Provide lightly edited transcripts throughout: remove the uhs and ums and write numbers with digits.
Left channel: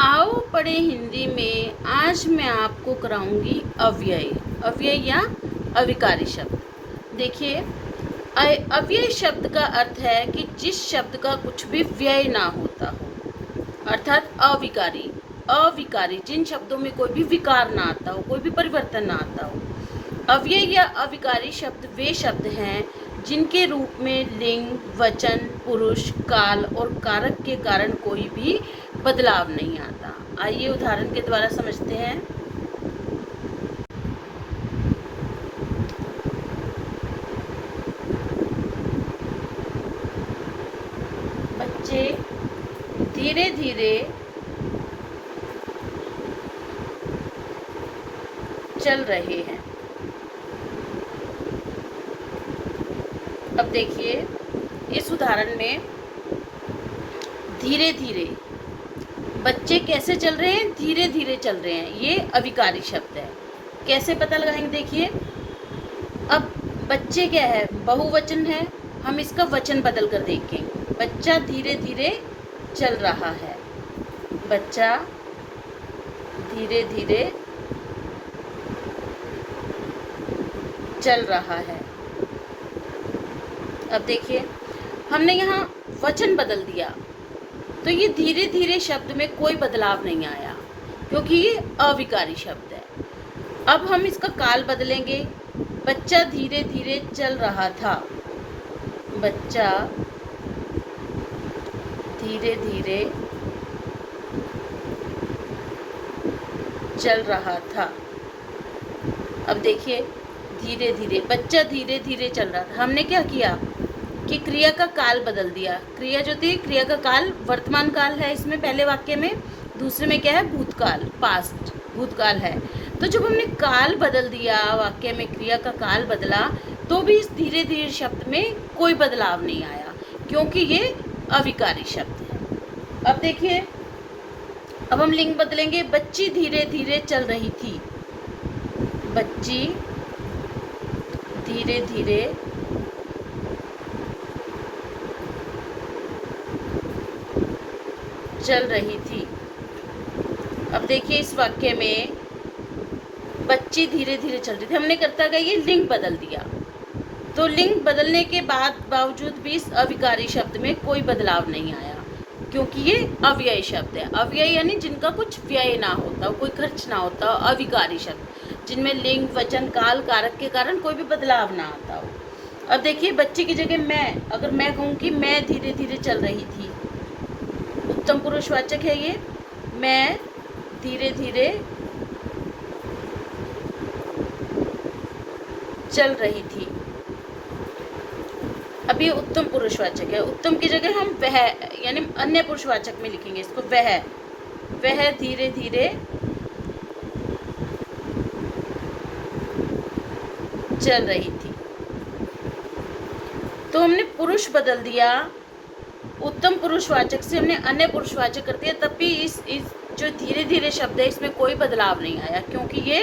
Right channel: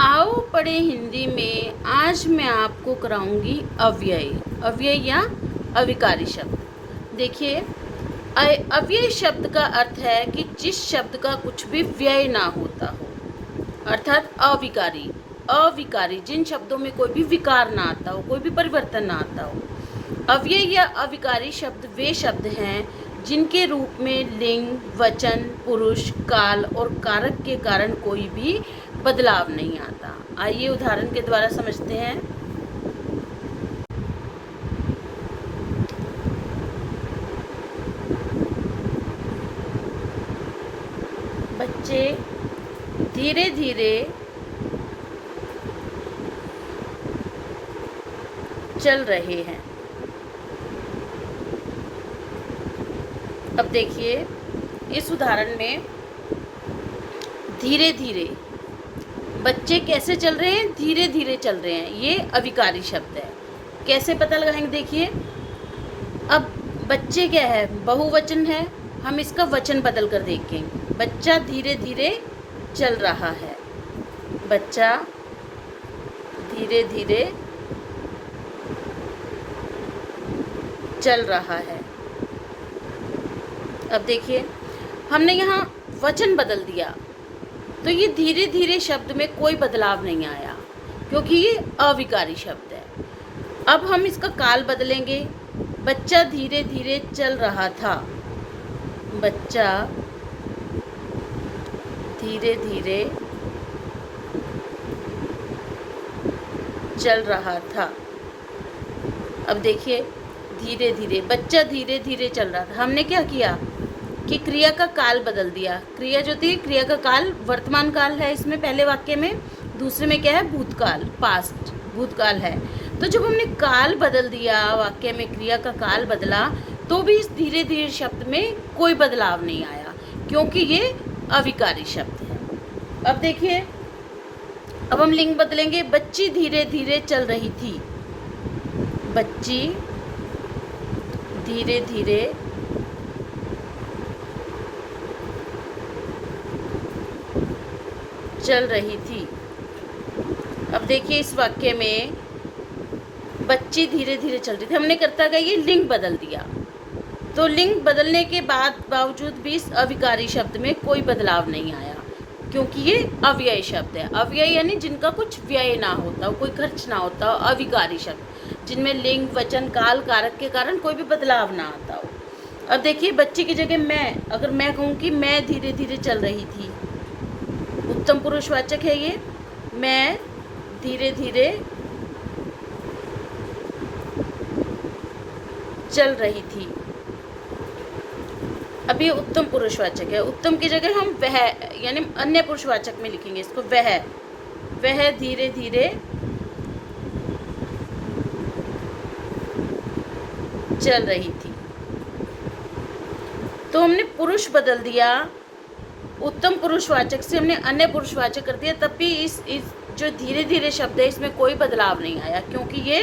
आओ पढ़े हिंदी में। आज मैं आपको कराऊंगी अव्यय। अव्यय या अविकारी शब्द। देखिए, अव्यय शब्द का अर्थ है कि जिस शब्द का कुछ भी व्यय ना होता हो, अर्थात अविकारी। अविकारी जिन शब्दों में कोई भी विकार ना आता हो, कोई भी परिवर्तन ना आता हो। अव्यय या अविकारी शब्द वे शब्द हैं जिनके रूप में लिंग, वचन, पुरुष, काल और कारक के कारण कोई भी बदलाव नहीं आता। आइए उदाहरण के द्वारा समझते हैं। बच्चे धीरे धीरे चल रहे हैं। अब देखिए, इस उदाहरण में धीरे धीरे बच्चे कैसे चल रहे हैं? धीरे धीरे चल रहे हैं। ये अविकारी शब्द है। कैसे पता लगाएंगे? देखिए, अब बच्चे क्या है? बहुवचन है। हम इसका वचन बदल कर देखें। बच्चा धीरे धीरे चल रहा है। बच्चा धीरे धीरे चल रहा है। अब देखिए, हमने यहाँ वचन बदल दिया तो ये धीरे धीरे शब्द में कोई बदलाव नहीं आया, क्योंकि ये अविकारी शब्द है। अब हम इसका काल बदलेंगे। बच्चा धीरे धीरे चल रहा था। बच्चा धीरे धीरे चल रहा था। अब देखिए, धीरे धीरे बच्चा धीरे धीरे चल रहा था। हमने क्या किया कि क्रिया का काल बदल दिया। क्रिया जो थी, क्रिया का काल वर्तमान काल है इसमें पहले वाक्य में, दूसरे में क्या है? भूतकाल, पास्ट, भूतकाल है। तो जब हमने काल बदल दिया, वाक्य में क्रिया का काल बदला, तो भी इस धीरे धीरे शब्द में कोई बदलाव नहीं आया, क्योंकि ये अविकारी शब्द है। अब देखिए, अब हम लिंग बदलेंगे। बच्ची धीरे धीरे चल रही थी। बच्ची धीरे धीरे चल रही थी। अब देखिए, इस वाक्य में बच्ची धीरे धीरे चल रही थी, हमने करता गया ये लिंग बदल दिया। तो लिंग बदलने के बावजूद भी इस अविकारी शब्द में कोई बदलाव नहीं आया, क्योंकि ये अव्यय शब्द है। अव्यय यानी जिनका कुछ व्यय ना होता हो, कोई खर्च ना होता हो। अविकारी शब्द जिनमें लिंग, वचन, काल, कारक के कारण कोई भी बदलाव ना आता हो। अब देखिए, बच्ची की जगह मैं, अगर मैं कहूँ कि मैं धीरे धीरे चल रही थी, उत्तम पुरुषवाचक है ये। मैं धीरे धीरे चल रही थी। अब ये उत्तम पुरुषवाचक है। उत्तम की जगह हम वह, यानी अन्य पुरुषवाचक में लिखेंगे इसको। वह धीरे धीरे चल रही थी। तो हमने पुरुष बदल दिया, उत्तम पुरुषवाचक से हमने अन्य पुरुषवाचक कर दिया, तब भी इस जो धीरे धीरे शब्द है इसमें कोई बदलाव नहीं आया, क्योंकि ये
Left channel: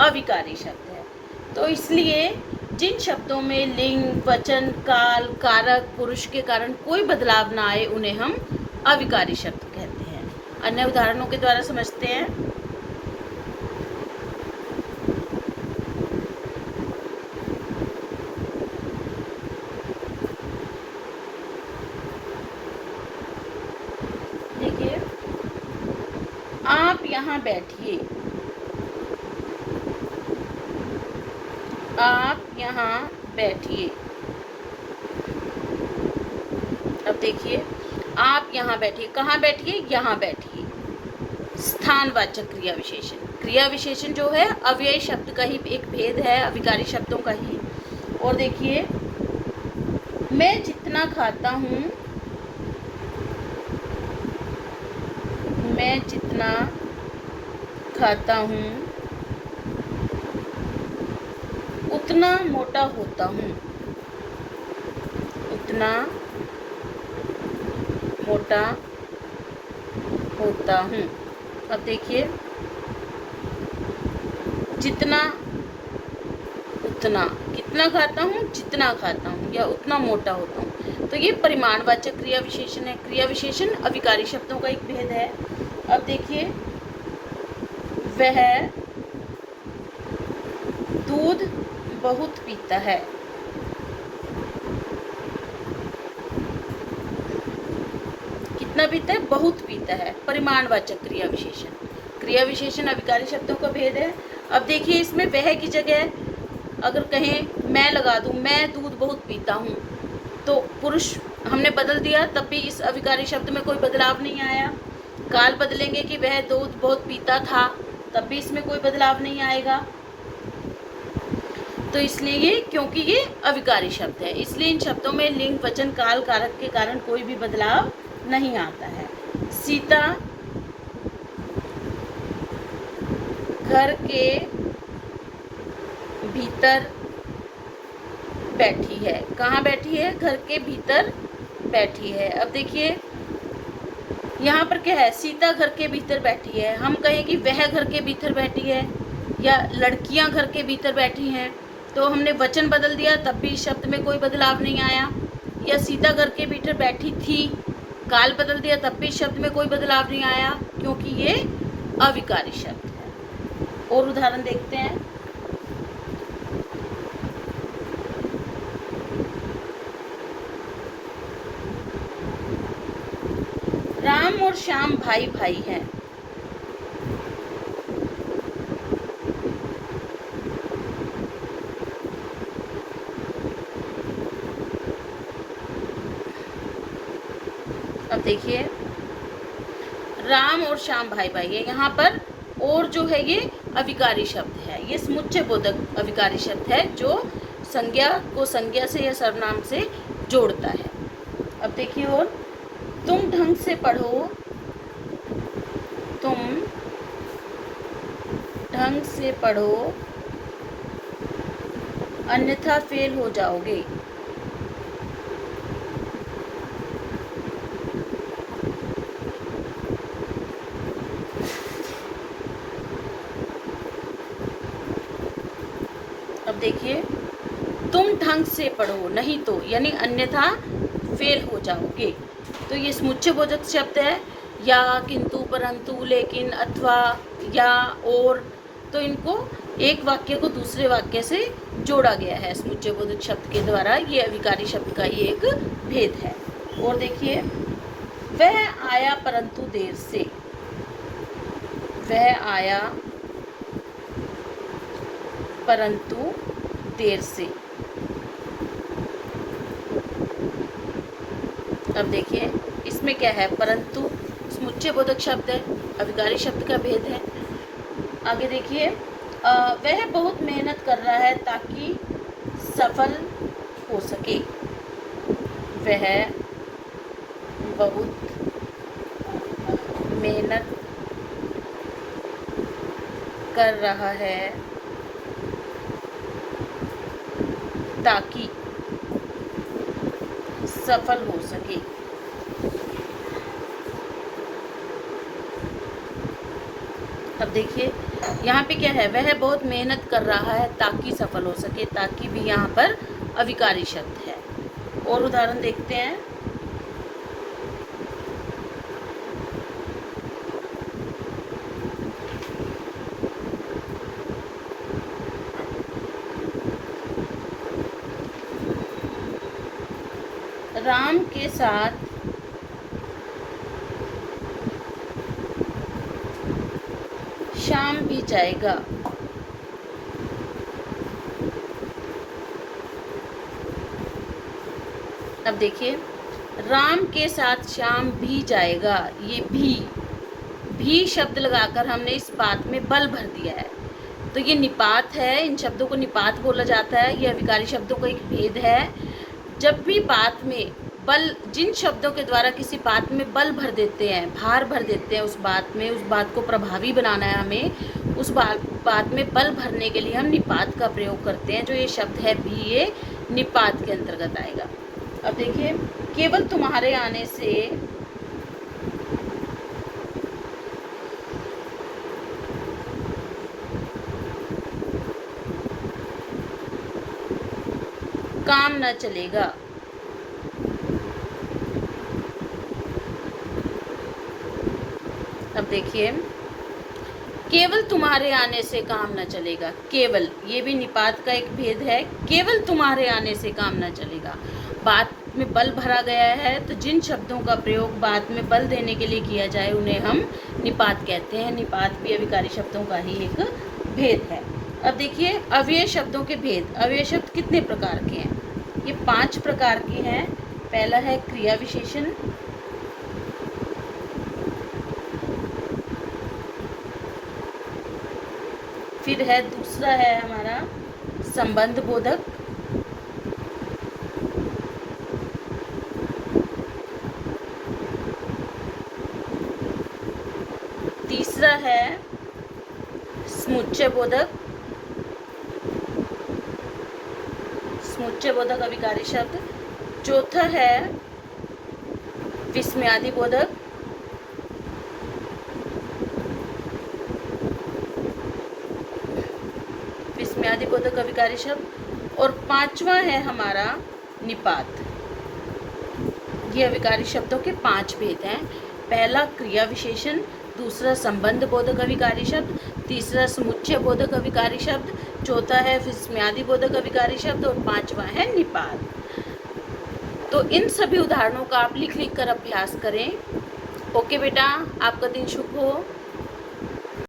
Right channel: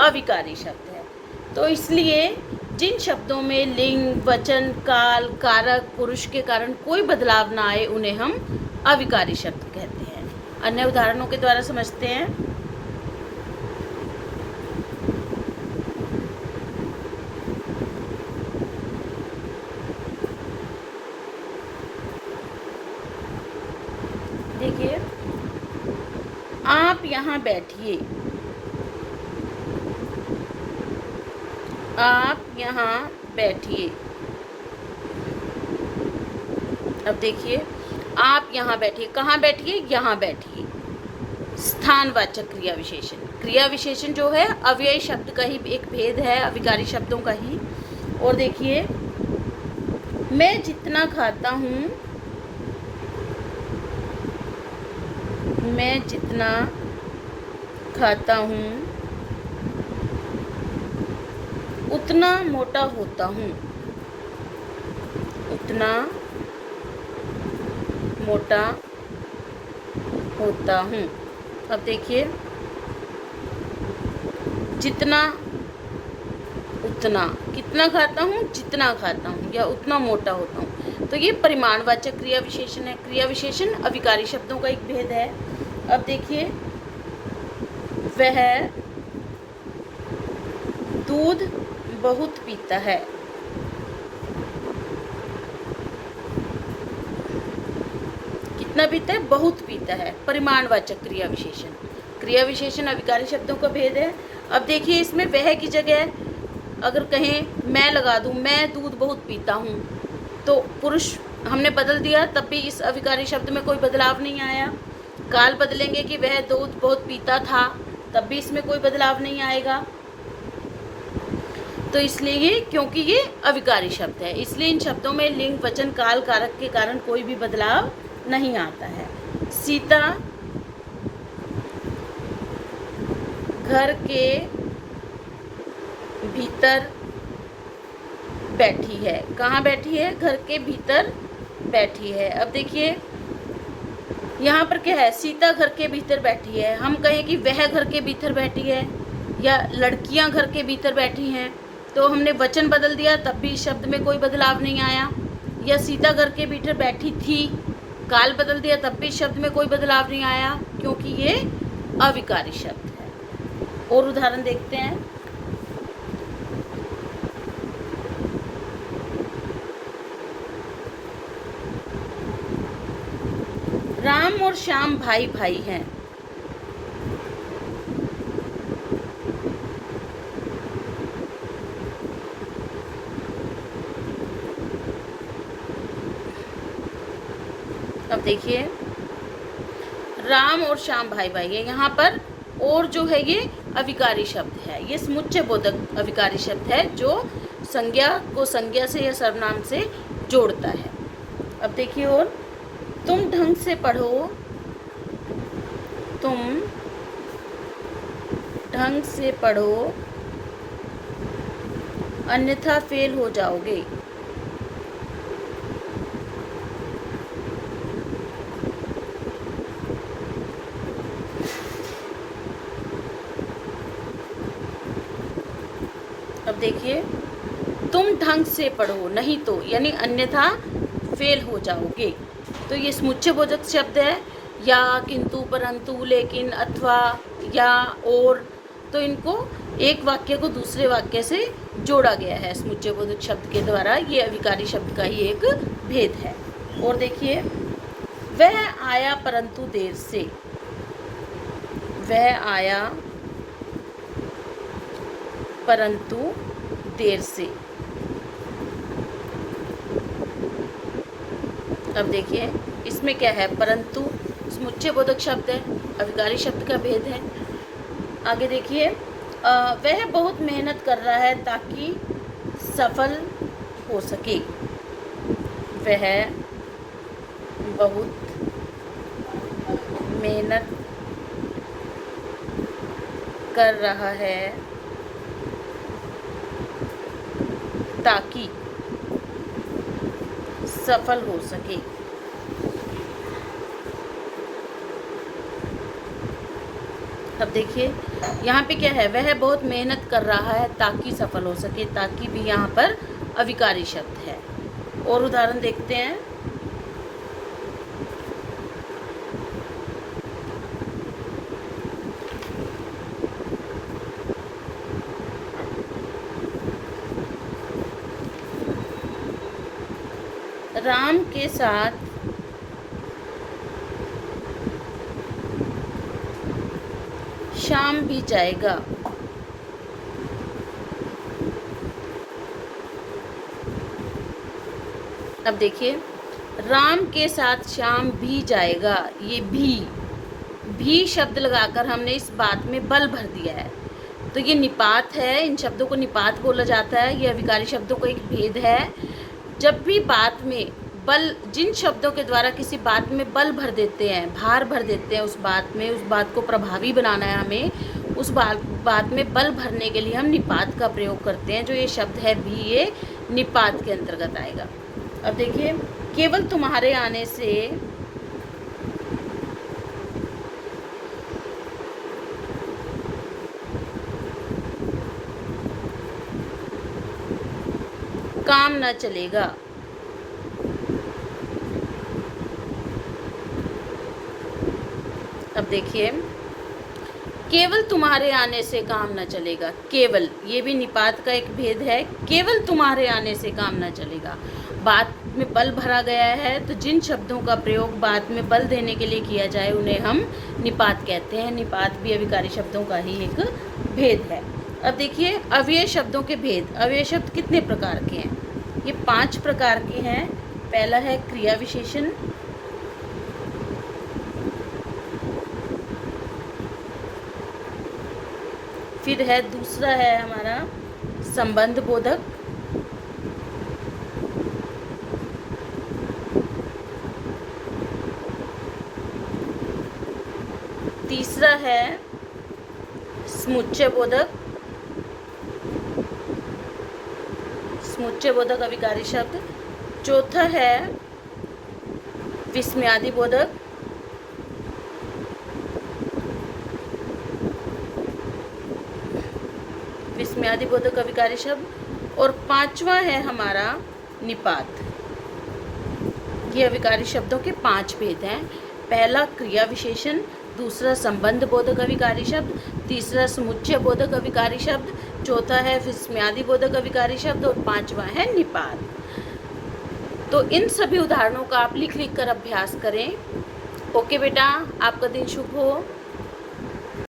अविकारी शब्द है। तो इसलिए जिन शब्दों में लिंग, वचन, काल, कारक, पुरुष के कारण कोई बदलाव ना आए, उन्हें हम अविकारी शब्द कहते हैं। अन्य उदाहरणों के द्वारा समझते हैं। देखिए, आप यहाँ बैठिए। आप यहाँ बैठिए। अब देखिए, आप यहाँ बैठिए। कहाँ बैठिए? यहाँ बैठिए। स्थानवाचक क्रिया विशेषण। क्रिया विशेषण जो है अव्यय शब्द का ही एक भेद है, अविकारी शब्दों का ही। और देखिए, मैं जितना खाता हूँ, मैं जितना खाता हूँ उतना मोटा होता हूँ। उतना मोटा होता हूँ। अब देखिए, जितना, उतना, कितना खाता हूँ, जितना खाता हूँ, या उतना मोटा होता हूँ। तो ये परिमाणवाचक क्रिया विशेषण है। क्रिया विशेषण अविकारी शब्दों का एक भेद है। अब देखिए, वह दूध बहुत पीता है। कितना पीता है? बहुत पीता है। परिमाणवाचक क्रिया विशेषण। क्रिया विशेषण अभिकारी शब्दों का भेद है। अब देखिए, इसमें वह की जगह अगर कहें मैं लगा दूं, मैं दूध बहुत पीता हूं, तो पुरुष हमने बदल दिया, तब भी इस अभिकारी शब्द में कोई बदलाव नहीं आया। काल बदलेंगे कि वह दूध बहुत पीता था, तब भी इसमें कोई बदलाव नहीं आएगा। तो इसलिए ये, क्योंकि ये अविकारी शब्द है, इसलिए इन शब्दों में लिंग वचन काल कारक के कारण कोई भी बदलाव नहीं आता है। सीता घर के भीतर बैठी है। कहाँ बैठी है? घर के भीतर बैठी है। अब देखिए, यहाँ पर क्या है? सीता घर के भीतर बैठी है। हम कहें कि वह घर के भीतर बैठी है, या लड़कियां घर के भीतर बैठी हैं, तो हमने वचन बदल दिया, तब भी इस शब्द में कोई बदलाव नहीं आया। या सीता घर के भीतर बैठी थी, काल बदल दिया, तब भी इस शब्द में कोई बदलाव नहीं आया, क्योंकि ये अविकारी शब्द है। और उदाहरण देखते हैं। राम और श्याम भाई भाई हैं। अब देखिए, राम और श्याम भाई भाई है। यहाँ पर और जो है ये अविकारी शब्द है, ये समुच्चय बोधक अविकारी शब्द है, जो संज्ञा को संज्ञा से या सर्वनाम से जोड़ता है। अब देखिए, और तुम ढंग से पढ़ो, तुम ढंग से पढ़ो, अन्यथा फेल हो जाओगे। अब देखिए, तुम ढंग से पढ़ो, नहीं तो यानी अन्यथा फेल हो जाओगे। तो ये समुच्चय बोधक शब्द है, या, किंतु, परंतु, लेकिन, अथवा, या, और, तो इनको एक वाक्य को दूसरे वाक्य से जोड़ा गया है समुच्चय बोधक शब्द के द्वारा। ये अविकारी शब्द का ही एक भेद है। और देखिए, वह आया परंतु देर से। वह आया परंतु देर से। अब देखिए, इसमें क्या है? परंतु समुच्चय बोधक शब्द है, अविकारी शब्द का भेद है। आगे देखिए, वह बहुत मेहनत कर रहा है ताकि सफल हो सके। वह बहुत मेहनत कर रहा है ताकि सफल हो सके। अब देखिए, यहाँ पे क्या है? वह बहुत मेहनत कर रहा है ताकि सफल हो सके। ताकि भी यहाँ पर अविकारी शब्द है। और उदाहरण देखते हैं। राम के साथ शाम भी जाएगा। अब देखिए, राम के साथ शाम भी जाएगा। ये भी शब्द लगाकर हमने इस बात में बल भर दिया है, तो ये निपात है। इन शब्दों को निपात बोला जाता है। ये अविकारी शब्दों का एक भेद है। जब भी बात में बल, जिन शब्दों के द्वारा किसी बात में बल भर देते हैं, भार भर देते हैं उस बात में, उस बात को प्रभावी बनाना है हमें, उस बात में बल भरने के लिए हम निपात का प्रयोग करते हैं। जो ये शब्द है भी, ये निपात के अंतर्गत आएगा। अब देखिए, केवल तुम्हारे आने से काम न चलेगा। अब देखिए, केवल तुम्हारे आने से काम न चलेगा। केवल, ये भी निपात का एक भेद है। केवल तुम्हारे आने से काम न चलेगा, बात में बल भरा गया है, तो जिन शब्दों का प्रयोग बात में बल देने के लिए किया जाए उन्हें हम निपात कहते हैं। निपात भी अभिकारी शब्दों का ही एक भेद है। अब देखिए, अव्यय शब्दों के भेद। अव्यय शब्द कितने प्रकार के हैं? ये 5 प्रकार के हैं। पहला है क्रिया विशेषण, फिर है दूसरा है हमारा संबंध बोधक, तीसरा है समुच्चय बोधक, समुच्चय बोधक अभिकारी शब्द, चौथा है विस्मयादि बोधक, विस्मयादि बोधक अभिकारी शब्द, और 5वां है हमारा निपात। ये अभिकारी शब्दों के 5 भेद हैं। पहला क्रिया विशेषण, दूसरा संबंध बोधक अभिकारी शब्द, तीसरा समुच्चय बोधक अभिकारी शब्द, चौथा है विस्मयादि बोधक अभिकारी शब्द और 5वां है निपात। तो इन सभी उदाहरणों का आप लिख कर अभ्यास करें। ओके बेटा, आपका दिन शुभ हो।